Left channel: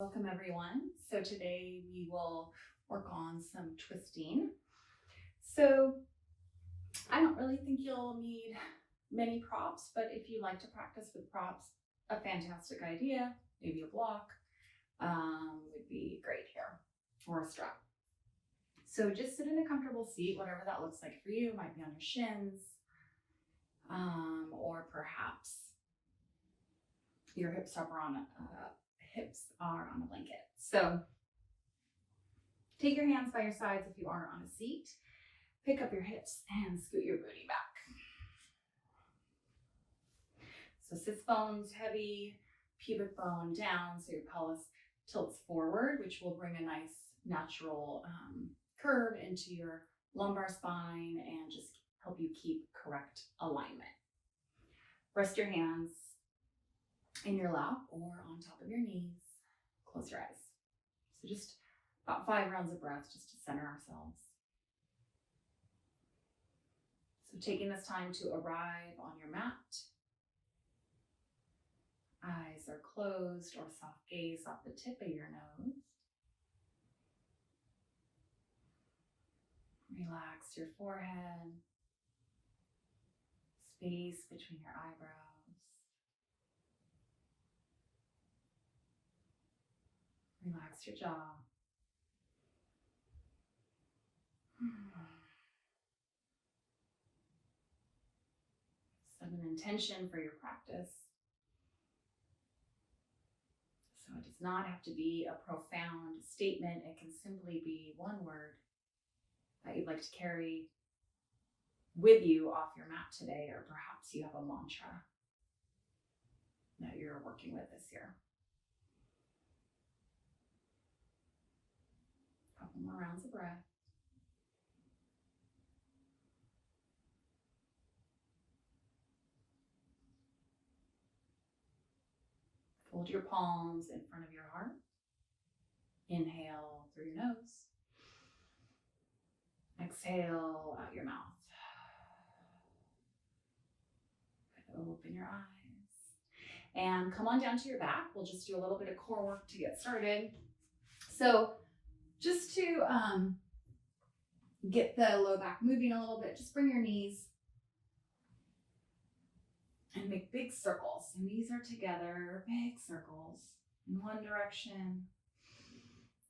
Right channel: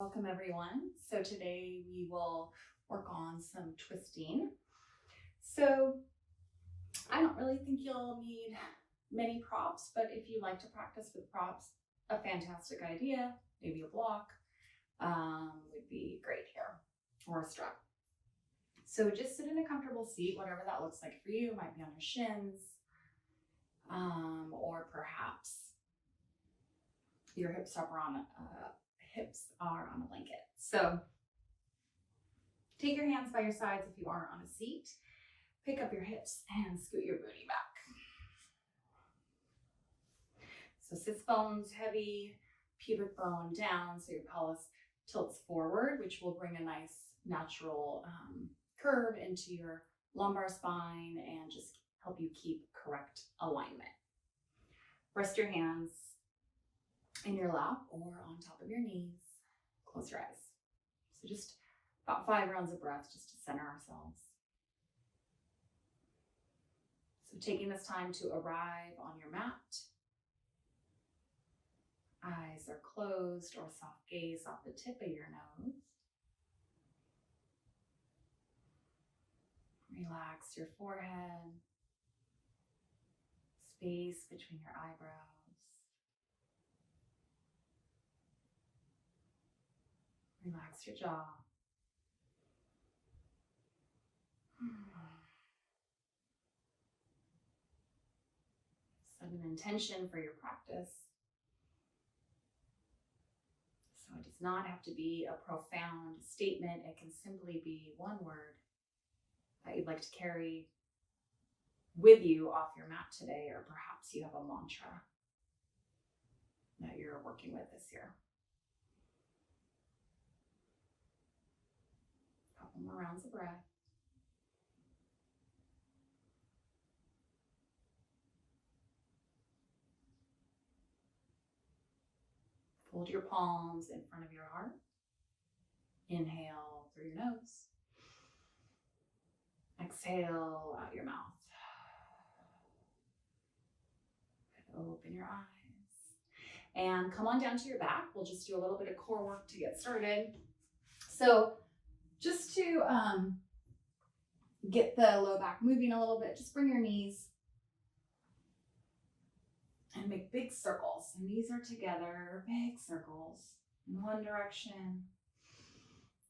Welcome everyone. So today we will work on some twisting. So I don't really think you'll need many props, but if you like to practice with props, a fantastic idea. Maybe a block would be great here, or a strap. So just sit in a comfortable seat, whatever that looks like for you. It might be on your shins, or perhaps your hips are on a blanket. So take your hands by your sides if you aren't on a seat. Pick up your hips and scoot your booty back. So sits bones heavy, pubic bone down, so your pelvis tilts forward, which will bring a nice natural curve into your lumbar spine and just help you keep correct alignment. Rest your hands in your lap or on top of your knees. Close your eyes. So just about 5 rounds of breath just to center ourselves. So taking this time to arrive on your mat. Eyes are closed or soft gaze off the tip of your nose. Relax your forehead, space between your eyebrows. Relax your jaw. Set an intention for your practice. So it does not have to be a profound statement. It can simply be one word that you'd like to carry with you off your mat today, or perhaps you have a mantra that you're working with this year. Couple more rounds of breath. Fold your palms in front of your heart. Inhale through your nose. Exhale out your mouth. Open your eyes. And come on down to your back. We'll just do a little bit of core work to get started. So just to get the low back moving a little bit, just bring your knees and make big circles. So knees are together, big circles in one direction,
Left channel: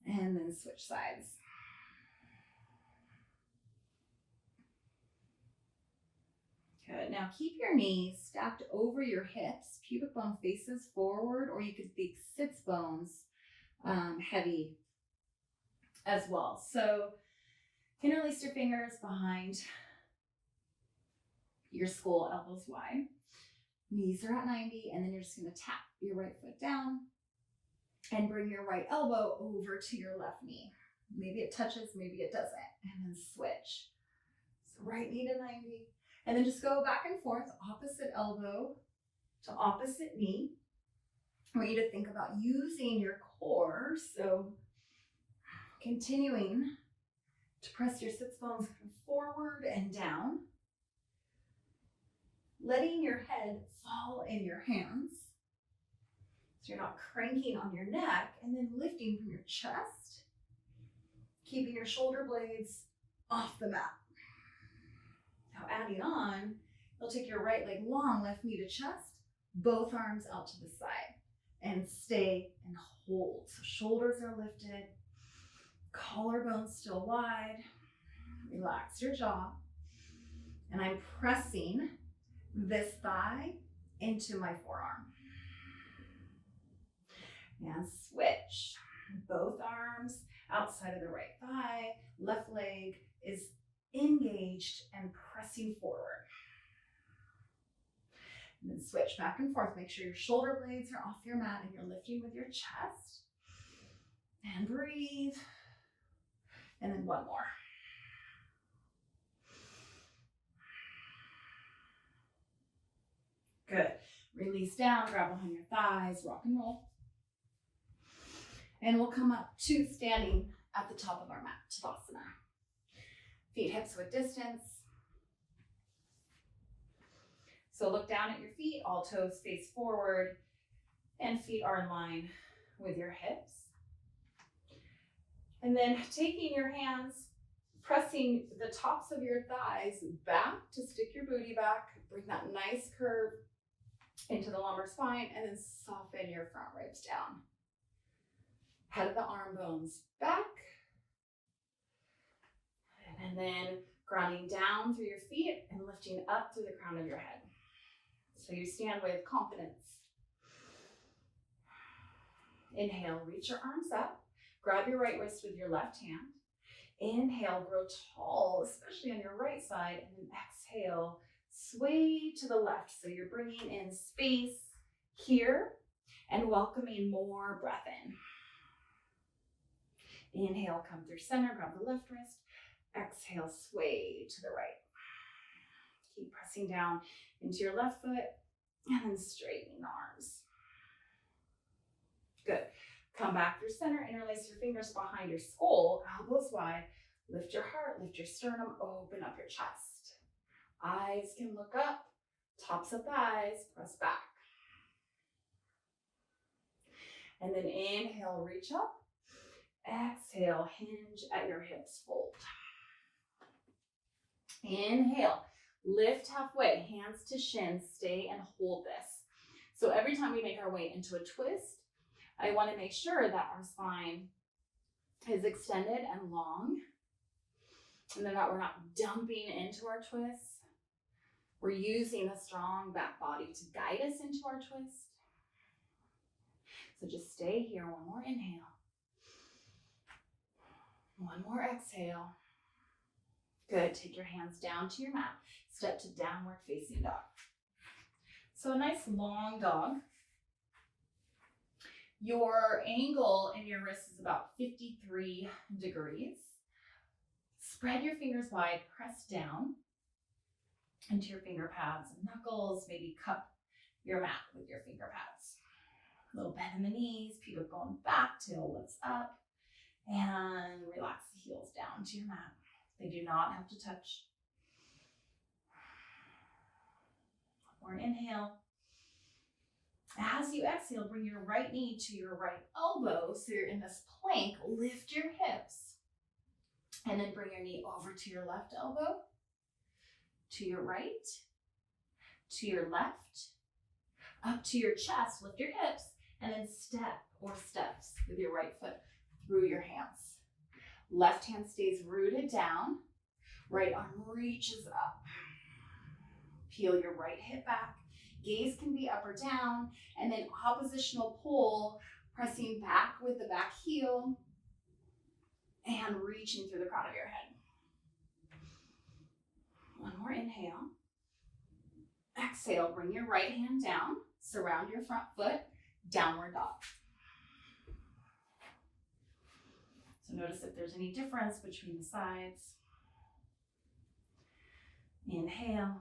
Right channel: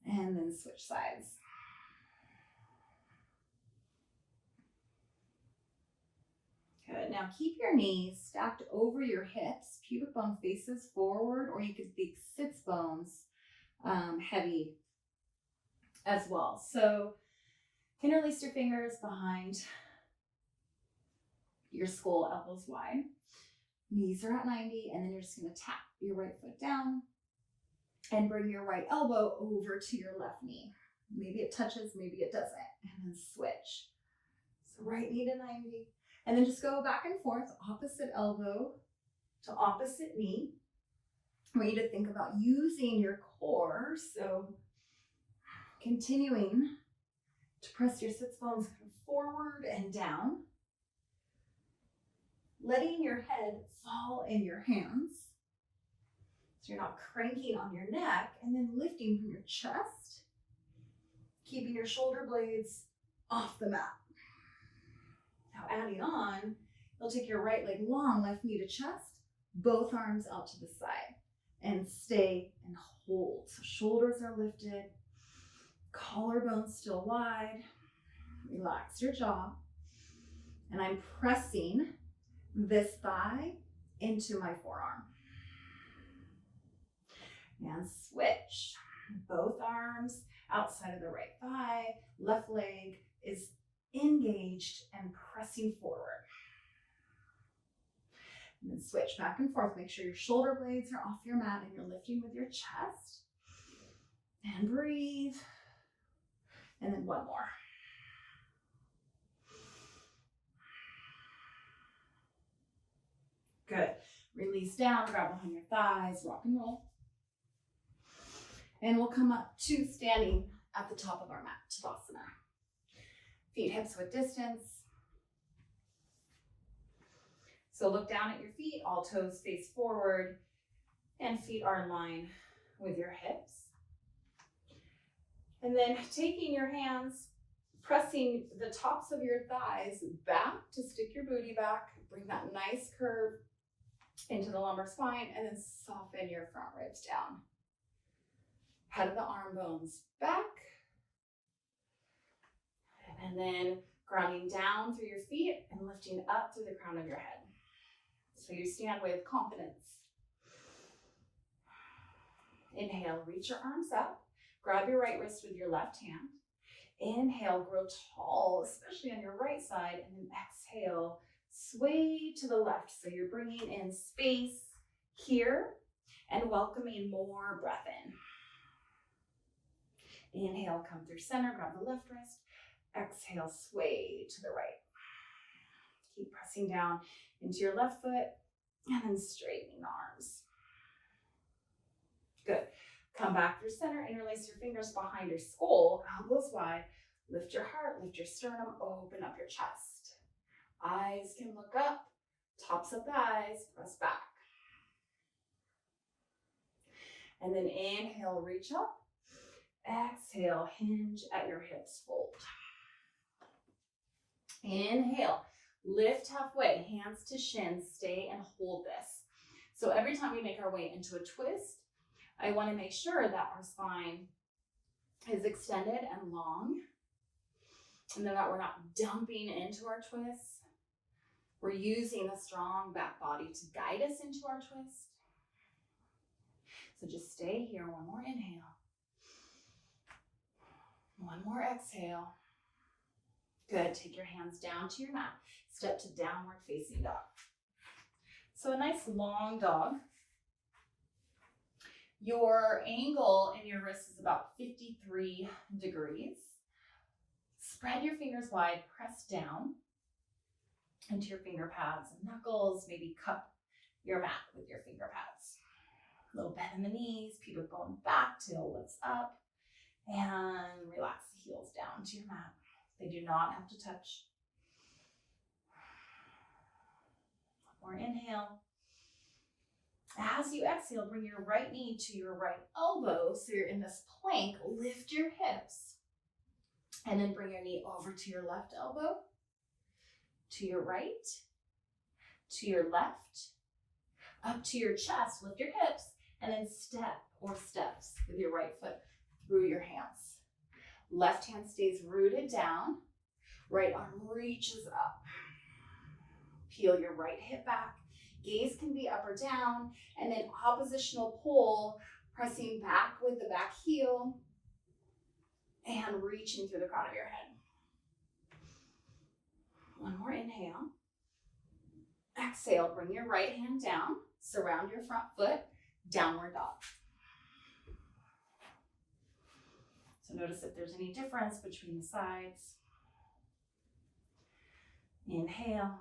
and then switch sides. Good. Now keep your knees stacked over your hips, pubic bone faces forward, or you could think sits bones heavy as well. So interlace your fingers behind your skull, elbows wide. Knees are at 90, and then you're just going to tap your right foot down and bring your right elbow over to your left knee. Maybe it touches, maybe it doesn't, and then switch. So right knee to 90, and then just go back and forth, opposite elbow to opposite knee. I want you to think about using your core, so continuing to press your sits bones forward and down, letting your head fall in your hands, so you're not cranking on your neck, and then lifting from your chest, keeping your shoulder blades off the mat. Now adding on, you'll take your right leg long, left knee to chest, both arms out to the side, and stay and hold. So shoulders are lifted, collarbones still wide. Relax your jaw. And I'm pressing this thigh into my forearm. And switch. Both arms outside of the right thigh. Left leg is engaged and pressing forward. And then switch back and forth. Make sure your shoulder blades are off your mat and you're lifting with your chest. And breathe. And then one more. Good. Release down, grab behind your thighs, rock and roll. And we'll come up to standing at the top of our mat, Tadasana. Feet hips width distance. So look down at your feet, all toes face forward, and feet are in line with your hips. And then taking your hands, pressing the tops of your thighs back to stick your booty back, bring that nice curve into the lumbar spine, and then soften your front ribs down. Head of the arm bones back. And then grounding down through your feet and lifting up through the crown of your head. So you stand with confidence. Inhale, reach your arms up. Grab your right wrist with your left hand. Inhale, grow tall, especially on your right side. And then exhale, sway to the left. So you're bringing in space here and welcoming more breath in. Inhale, come through center, grab the left wrist. Exhale, sway to the right. Keep pressing down into your left foot and then straightening the arms. Good. Come back through center, interlace your fingers behind your skull, elbows wide. Lift your heart, lift your sternum, open up your chest. Eyes can look up, tops of thighs, press back. And then inhale, reach up. Exhale, hinge at your hips, fold. Inhale, lift halfway, hands to shins, stay and hold this. So every time we make our way into a twist, I want to make sure that our spine is extended and long, and then that we're not dumping into our twist. We're using a strong back body to guide us into our twist. So just stay here. One more inhale. One more exhale. Good. Take your hands down to your mat. Step to downward facing dog. So a nice long dog. Your angle in your wrist is about 53 degrees. Spread your fingers wide, press down into your finger pads and knuckles. Maybe cup your mat with your finger pads. A little bend in the knees, pubic bone back, tail lifts up, and relax the heels down to your mat. They do not have to touch. One more inhale. As you exhale, bring your right knee to your right elbow. So you're in this plank. Lift your hips. And then bring your knee over to your left elbow, to your right, to your left, up to your chest. Lift your hips. And then step or steps with your right foot through your hands. Left hand stays rooted down. Right arm reaches up. Peel your right hip back. Gaze can be up or down. And then oppositional pull, pressing back with the back heel and reaching through the crown of your head. One more inhale. Exhale, bring your right hand down. Surround your front foot. Downward dog. So notice if there's any difference between the sides. Inhale.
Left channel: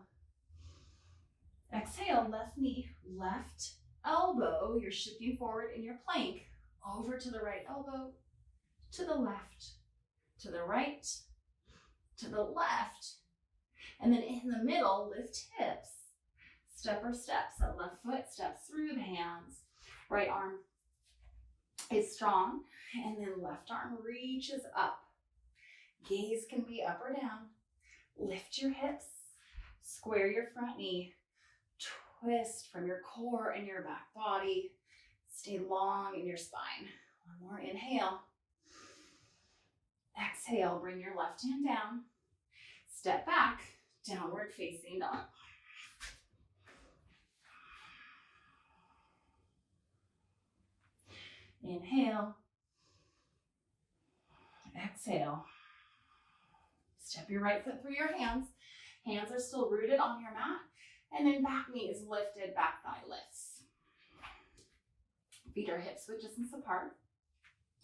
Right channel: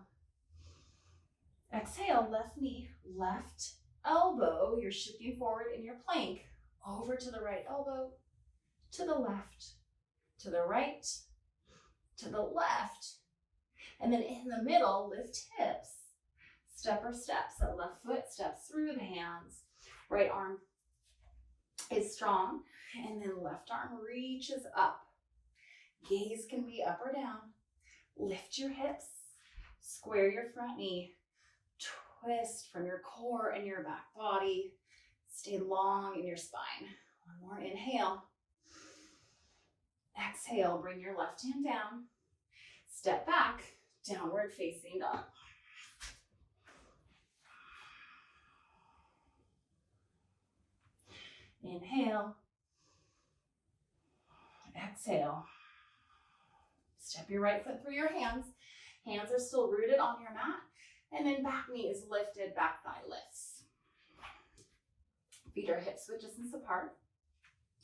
Exhale, left knee, left elbow. You're shifting forward in your plank. Over to the right elbow, to the left, to the right, to the left. And then in the middle, lift hips. Step or steps. So left foot steps through the hands. Right arm is strong. And then left arm reaches up. Gaze can be up or down. Lift your hips. Square your front knee. Twist from your core and your back body. Stay long in your spine. One more inhale. Exhale, bring your left hand down. Step back, downward facing dog. Inhale. Exhale. Step your right foot through your hands. Hands are still rooted on your mat. And then back knee is lifted, back thigh lifts. Feet are hip width distance apart.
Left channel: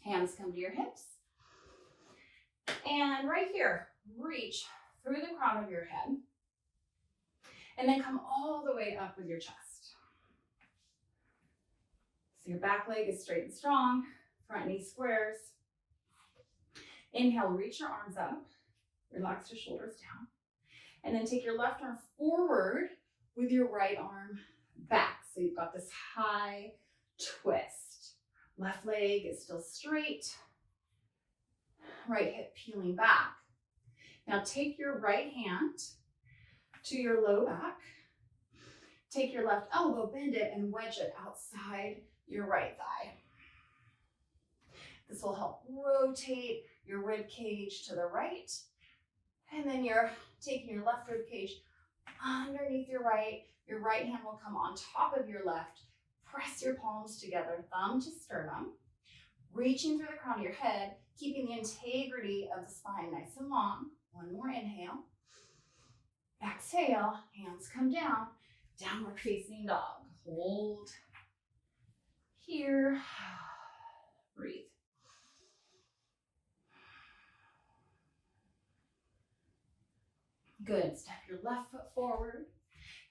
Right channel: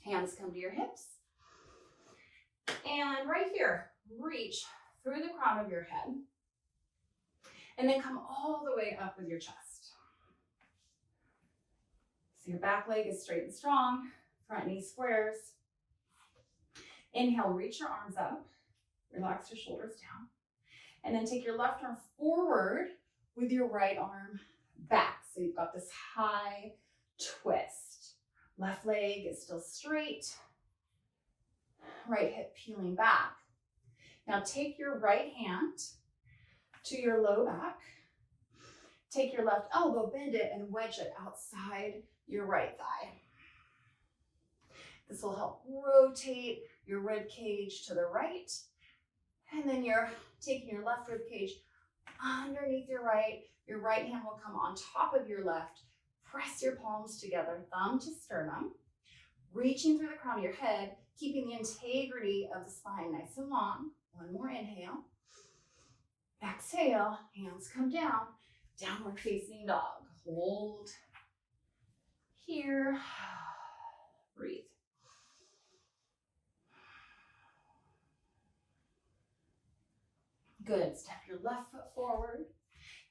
Hands come to your hips. And right here, reach through the crown of your head. And then come all the way up with your chest. So your back leg is straight and strong. Front knee squares. Inhale, reach your arms up. Relax your shoulders down. And then take your left arm forward with your right arm back. So you've got this high twist. Left leg is still straight. Right hip peeling back. Now take your right hand to your low back. Take your left elbow, bend it, and wedge it outside your right thigh. This will help rotate your rib cage to the right. And then you're taking your left rib cage underneath your right. Your right hand will come on top of your left. Press your palms together, thumb to sternum. Reaching through the crown of your head, keeping the integrity of the spine nice and long. One more inhale. Exhale, hands come down. Downward facing dog. Hold here. Breathe. Good. Step your left foot forward.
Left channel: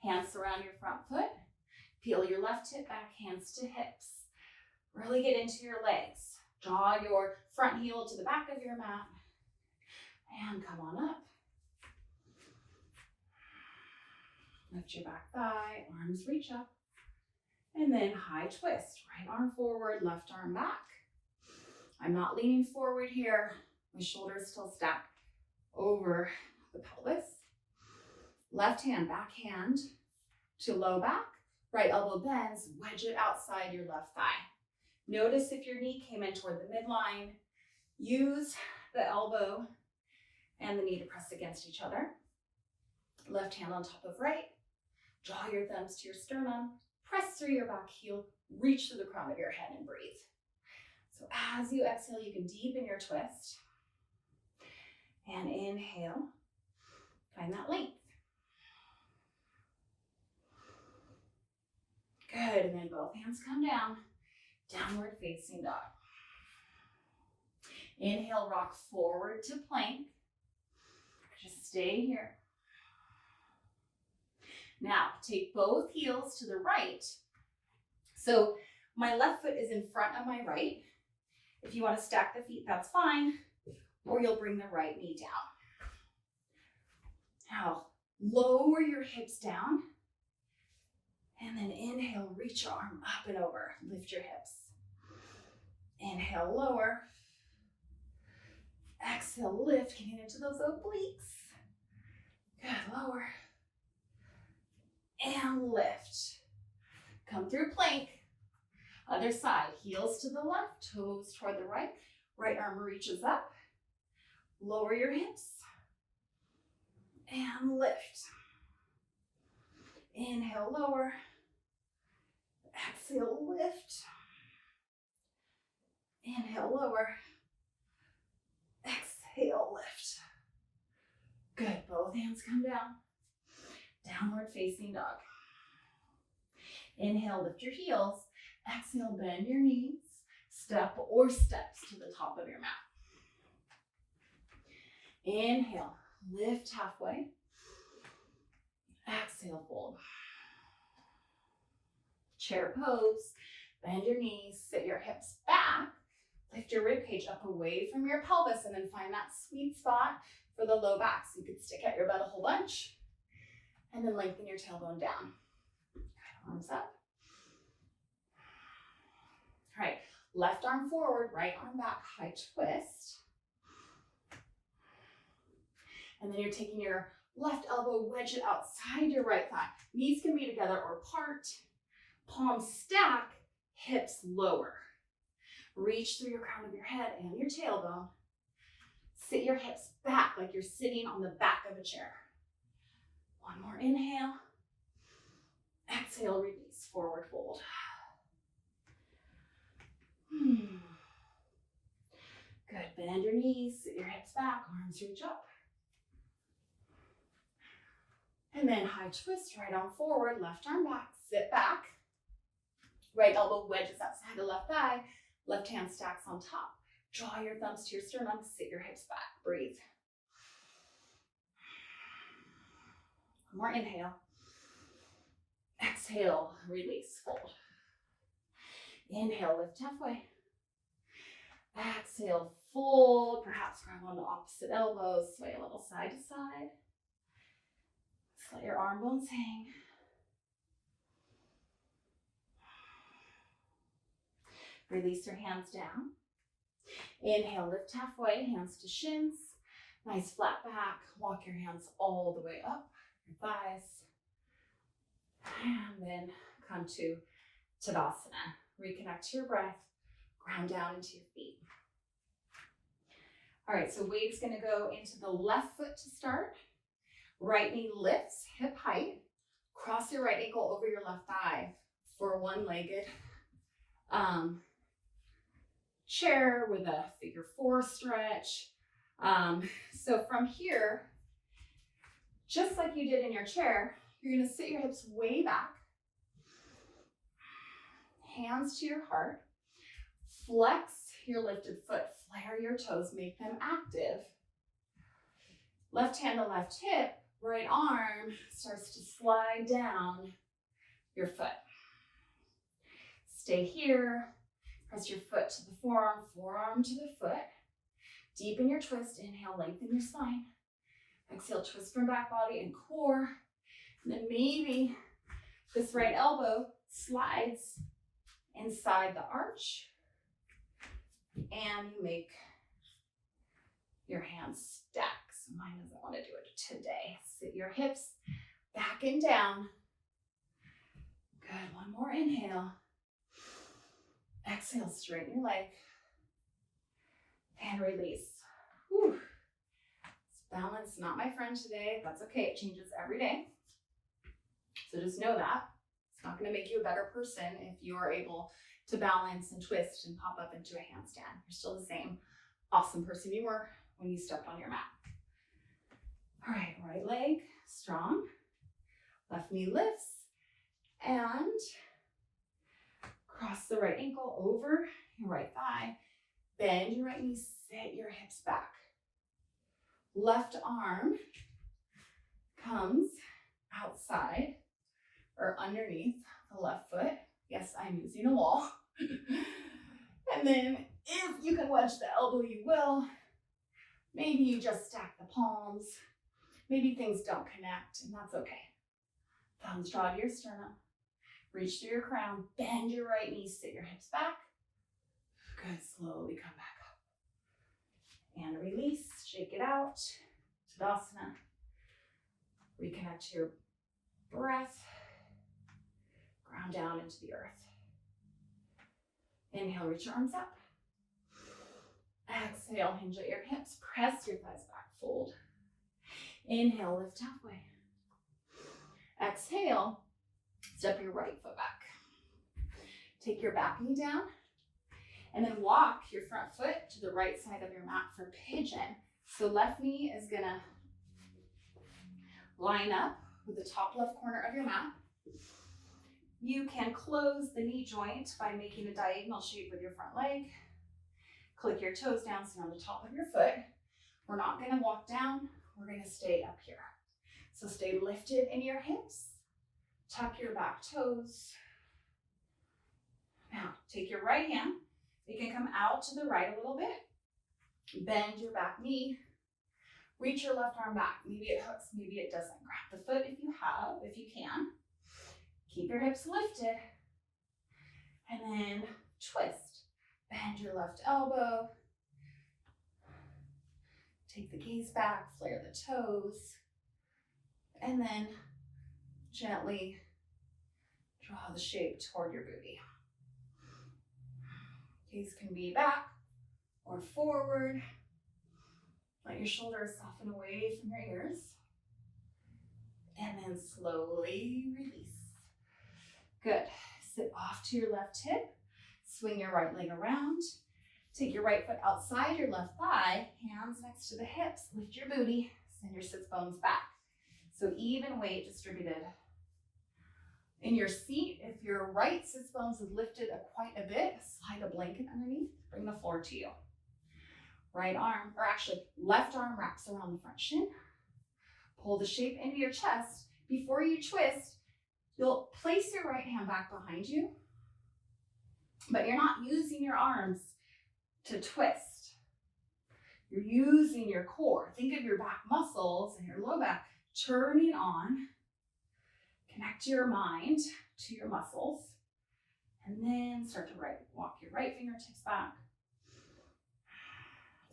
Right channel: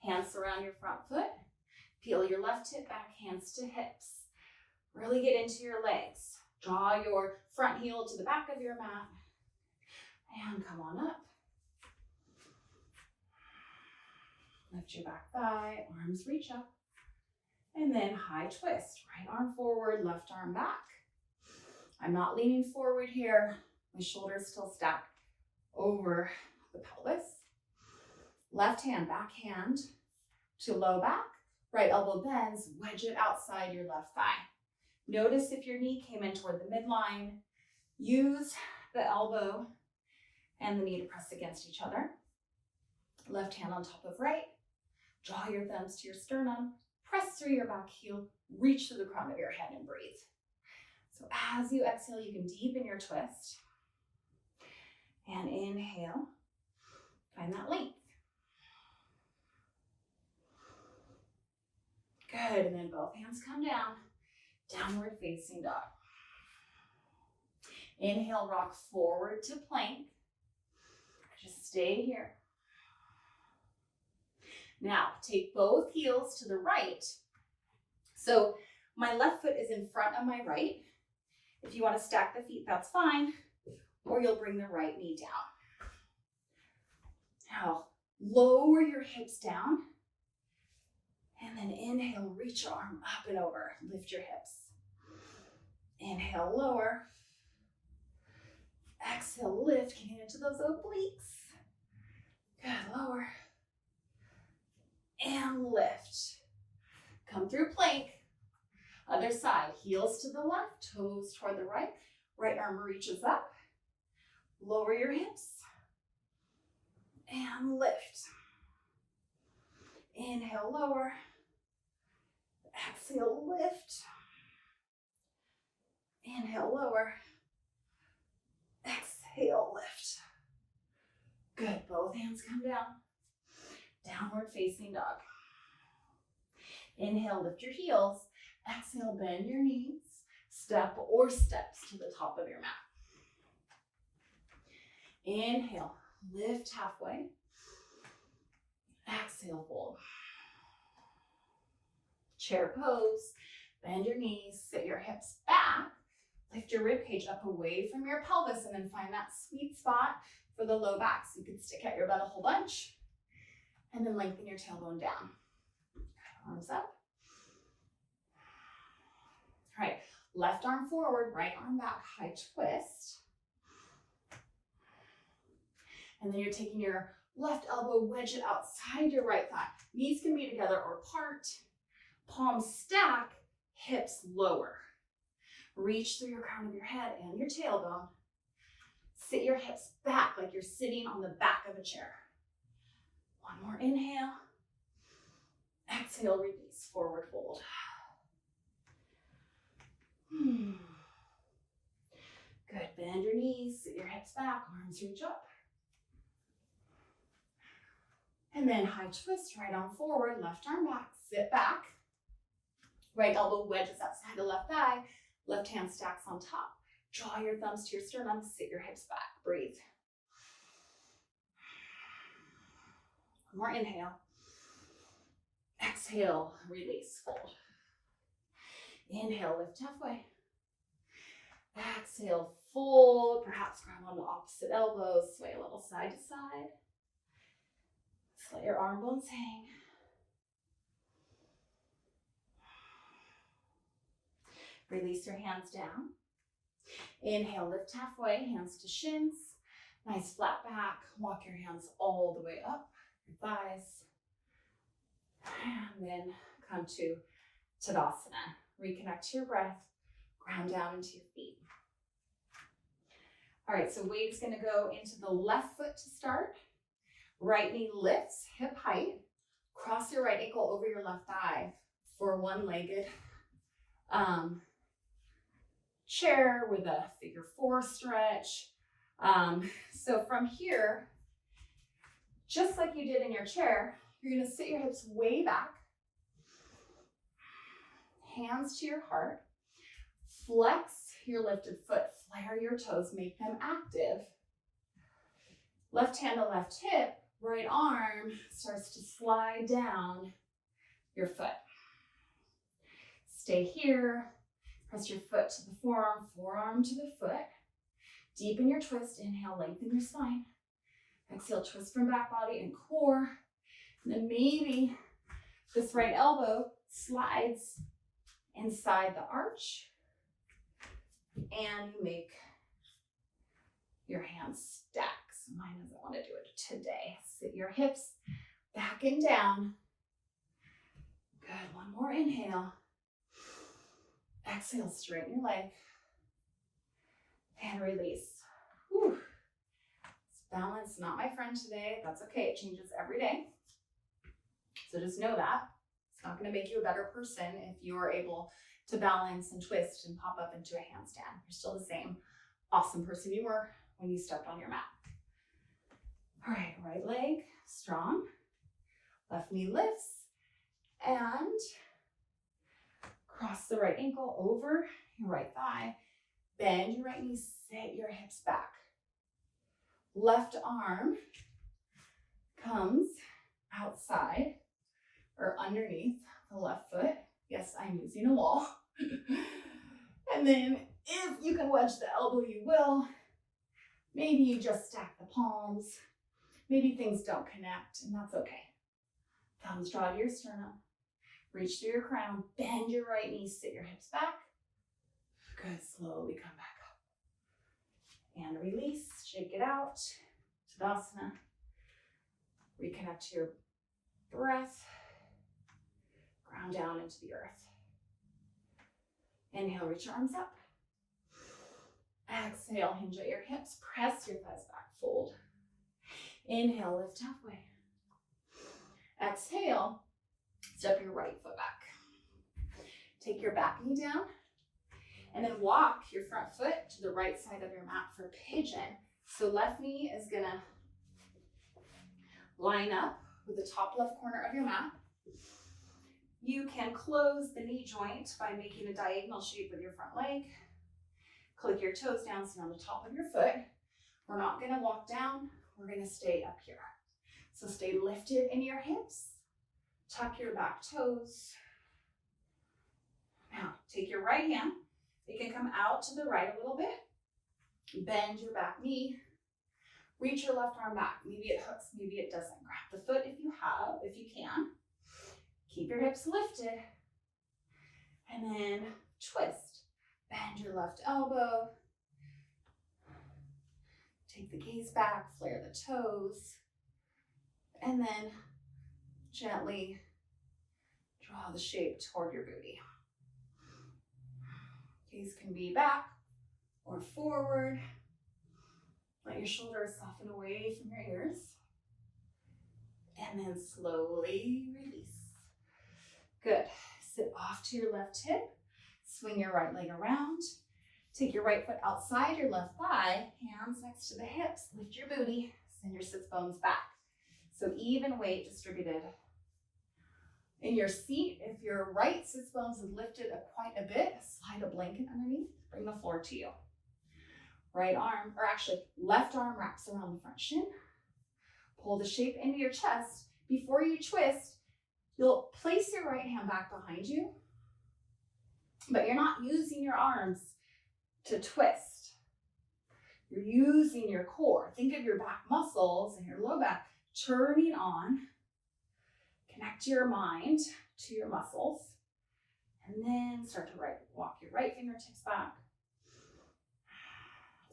Hands surround your front foot. Peel your left hip back, hands to hips. Really get into your legs. Draw your front heel to the back of your mat. And come on up. Lift your back thigh, arms reach up. And then high twist. Right arm forward, left arm back. I'm not leaning forward here. My shoulders still stack over the pelvis. Left hand, backhand to low back. Right elbow bends, wedge it outside your left thigh. Notice if your knee came in toward the midline. Use the elbow and the knee to press against each other. Left hand on top of right. Draw your thumbs to your sternum. Press through your back heel. Reach to the crown of your head and breathe. So as you exhale, you can deepen your twist. And inhale. Find that length. Good, and then both hands come down. Downward facing dog. Inhale, rock forward to plank. Just stay here. Now, take both heels to the right. So my left foot is in front of my right. If you want to stack the feet, that's fine. Or you'll bring the right knee down. Now, lower your hips down. And then inhale, reach your arm up and over. Lift your hips. Inhale, lower. Exhale, lift, getting into those obliques. Good, lower. And lift. Come through plank. Other side, heels to the left, toes toward the right. Right arm reaches up. Lower your hips. And lift. Inhale, lower. Exhale, lift. Inhale, lower. Exhale, lift. Good, both hands come down. Downward facing dog. Inhale, lift your heels. Exhale, bend your knees. Step or steps to the top of your mat. Inhale, lift halfway. Exhale, fold. Chair pose. Bend your knees, sit your hips back. Lift your rib cage up away from your pelvis and then find that sweet spot for the low back. So you can stick out your butt a whole bunch and then lengthen your tailbone down. Arms up. All right, left arm forward, right arm back, high twist. And then you're taking your left elbow, wedge it outside your right thigh. Knees can be together or apart. Palms stack, hips lower. Reach through your crown of your head and your tailbone. Sit your hips back like you're sitting on the back of a chair. One more inhale. Exhale, release, forward fold. Good, bend your knees, sit your hips back, arms reach up. And then high twist, right arm forward, left arm back, sit back. Right elbow wedges outside the left thigh, left hand stacks on top. Draw your thumbs to your sternum, sit your hips back, breathe. One more inhale. Exhale, release, fold. Inhale, lift halfway. Exhale, fold, perhaps grab on the opposite elbows, sway a little side to side. Just let your arm bones hang. Release your hands down. Inhale, lift halfway, hands to shins. Nice flat back. Walk your hands all the way up your thighs. And then come to Tadasana. Reconnect to your breath. Ground down into your feet. All right, so weight is going to go into the left foot to start. Right knee lifts, hip height. Cross your right ankle over your left thigh for one-legged chair with a figure 4 stretch. So from here, just like you did in your chair, you're going to sit your hips way back. Hands to your heart. Flex your lifted foot. Flare your toes. Make them active. Left hand to left hip. Right arm starts to slide down your foot. Stay here. Press your foot to the forearm, forearm to the foot. Deepen your twist. Inhale, lengthen your spine. Exhale, twist from back body and core. And then maybe this right elbow slides inside the arch. And you make your hands stack. So mine doesn't want to do it today. Sit your hips back and down. Good. One more inhale. Exhale, straighten your leg. And release. Whew. This balance, not my friend today. That's okay. It changes every day. So just know that. It's not going to make you a better person if you are able to balance and twist and pop up into a handstand. You're still the same awesome person you were when you stepped on your mat. All right, right leg strong. Left knee lifts. And cross the right ankle over your right thigh. Bend your right knee, sit your hips back. Left arm comes outside or underneath the left foot. Yes, I'm using a wall. And then if you can wedge the elbow, you will. Maybe you just stack the palms. Maybe things don't connect, and that's okay. Thumbs draw to your sternum. Reach through your crown. Bend your right knee, sit your hips back. Good, slowly come back up. And release, shake it out. Tadasana. Reconnect to your breath. Ground down into the earth. Inhale, reach your arms up. Exhale, hinge at your hips. Press your thighs back, fold. Inhale, lift halfway. Exhale, step your right foot back. Take your back knee down. And then walk your front foot to the right side of your mat for pigeon. So left knee is gonna line up with the top left corner of your mat. You can close the knee joint by making a diagonal shape with your front leg. Click your toes down, sit on the top of your foot. We're not gonna walk down, we're gonna stay up here. So stay lifted in your hips. Tuck your back toes. Now, take your right hand. You can come out to the right a little bit. Bend your back knee. Reach your left arm back. Maybe it hooks, maybe it doesn't. Grab the foot if you can. Keep your hips lifted. And then twist. Bend your left elbow. Take the gaze back, flare the toes. And then gently draw the shape toward your booty. Gaze can be back or forward. Let your shoulders soften away from your ears. And then slowly release. Good. Sit off to your left hip. Swing your right leg around. Take your right foot outside your left thigh. Hands next to the hips. Lift your booty. Send your sits bones back. So even weight distributed. In your seat, if your right sits bones is lifted quite a bit, slide a blanket underneath. Bring the floor to you. Right arm, or actually left arm wraps around the front shin. Pull the shape into your chest. Before you twist, you'll place your right hand back behind you, but you're not using your arms to twist. You're using your core. Think of your back muscles and your low back turning on. Connect your mind to your muscles And then start to walk your right fingertips back.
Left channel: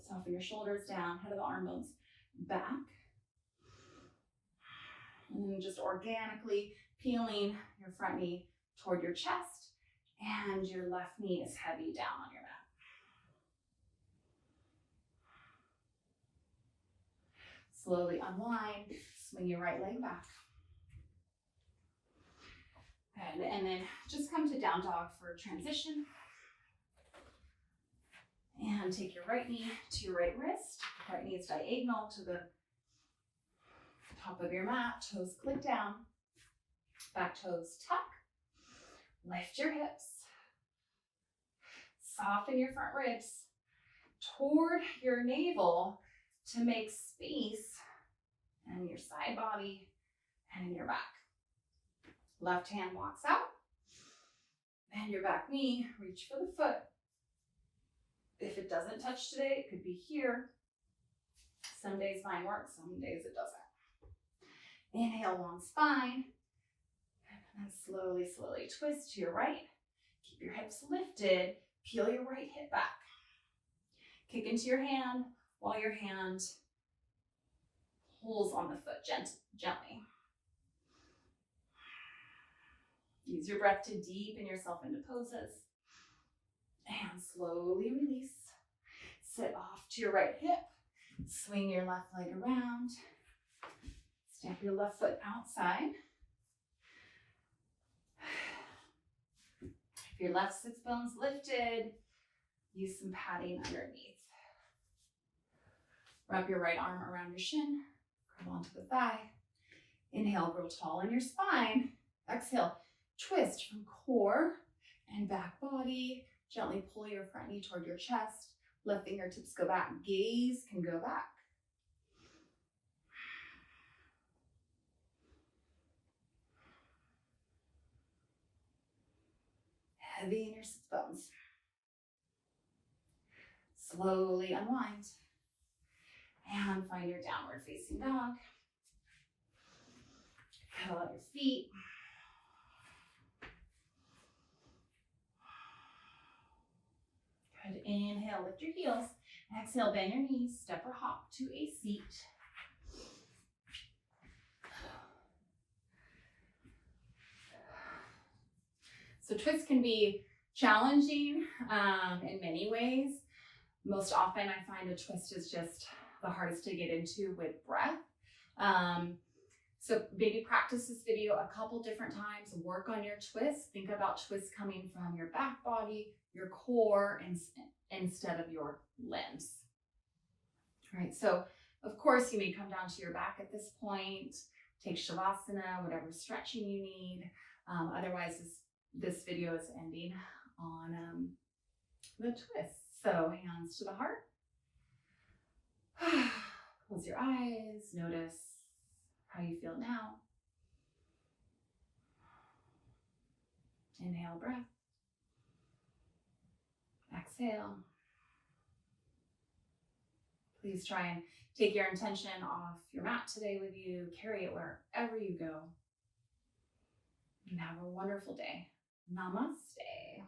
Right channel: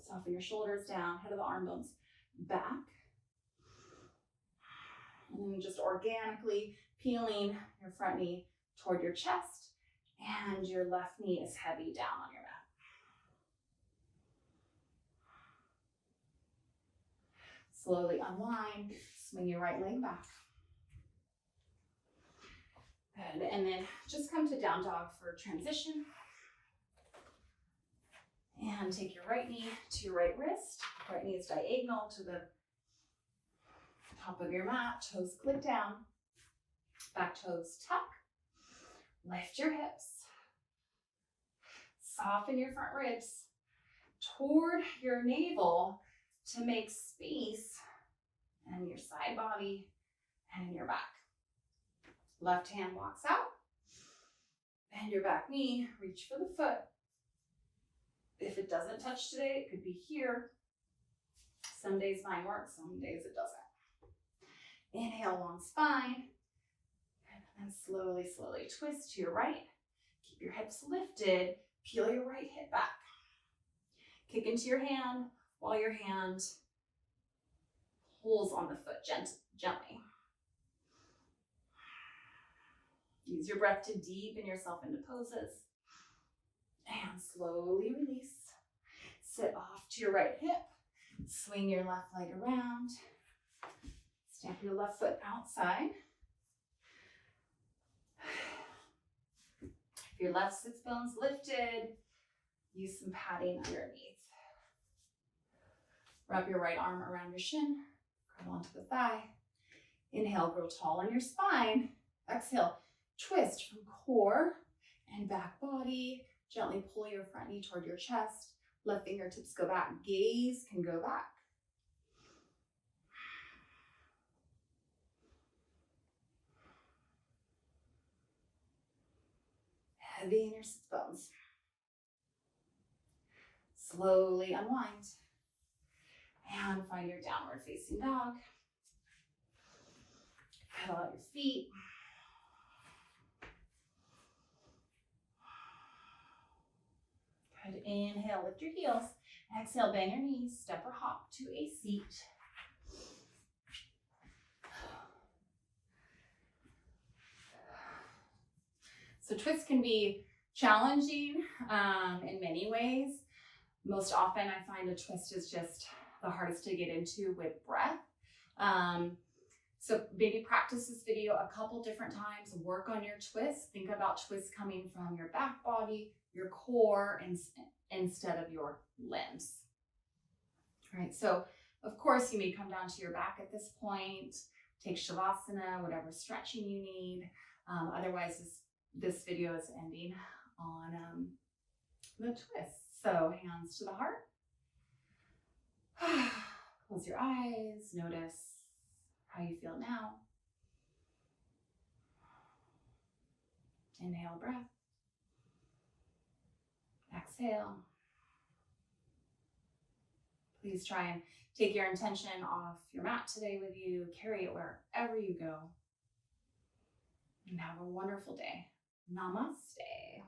Soften your shoulders down, head of the arm bones back. And then just organically peeling your front knee toward your chest, and your left knee is heavy down on your mat. Slowly unwind, swing your right leg back. Good. And then just come to down dog for transition. And take your right knee to your right wrist. Right knee is diagonal to the top of your mat. Toes click down. Back toes tuck. Lift your hips. Soften your front ribs toward your navel to make space in your side body and in your back. Left hand walks out. Bend your back knee. Reach for the foot. If it doesn't touch today, it could be here. Some days mine works, some days it doesn't. Inhale, long spine. And slowly, slowly twist to your right. Keep your hips lifted. Peel your right hip back. Kick into your hand while your hand pulls on the foot gently. Use your breath to deepen yourself into poses. And slowly release. Sit off to your right hip. Swing your left leg around. Step your left foot outside. If your left sits bones lifted, use some padding underneath. Wrap your right arm around your shin. Grab onto the thigh. Inhale, grow tall in your spine. Exhale, twist from core and back body. Gently pull your front knee toward your chest. Left fingertips go back. Gaze can go back. Heavy in your sits bones. Slowly unwind. And find your downward facing dog. Pedal out your feet. Good. Inhale, lift your heels. Exhale, bend your knees. Step or hop to a seat. So twists can be challenging in many ways. Most often I find a twist is just the hardest to get into with breath. So maybe practice this video a couple different times, work on your twists. Think about twists coming from your back body, your core, instead of your limbs. All right, so of course you may come down to your back at this point, take Shavasana, whatever stretching you need. Otherwise, this video is ending on the twist. So hands to the heart. Close your eyes, notice how you feel now. Inhale, breath. Exhale. Please try and take your intention off your mat today with you. Carry it wherever you go. And have a wonderful day. Namaste.